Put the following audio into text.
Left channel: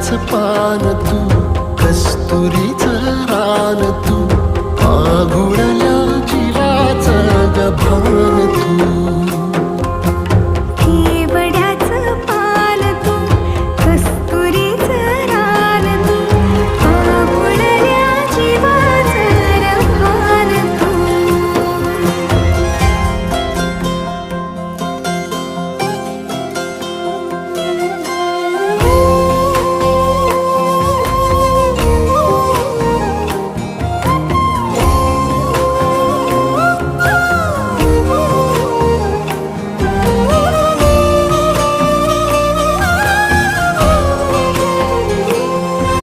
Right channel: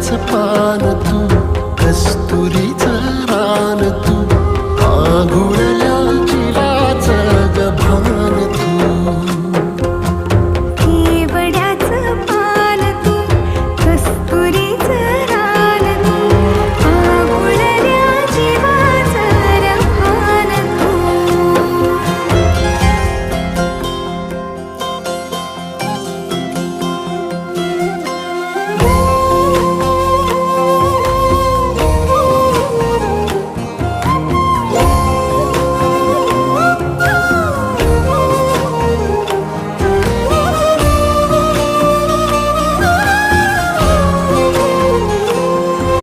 फुलाच पान तू, कस्तुरीचं रान तू, पागुळल्या जीवाचं गभान तू.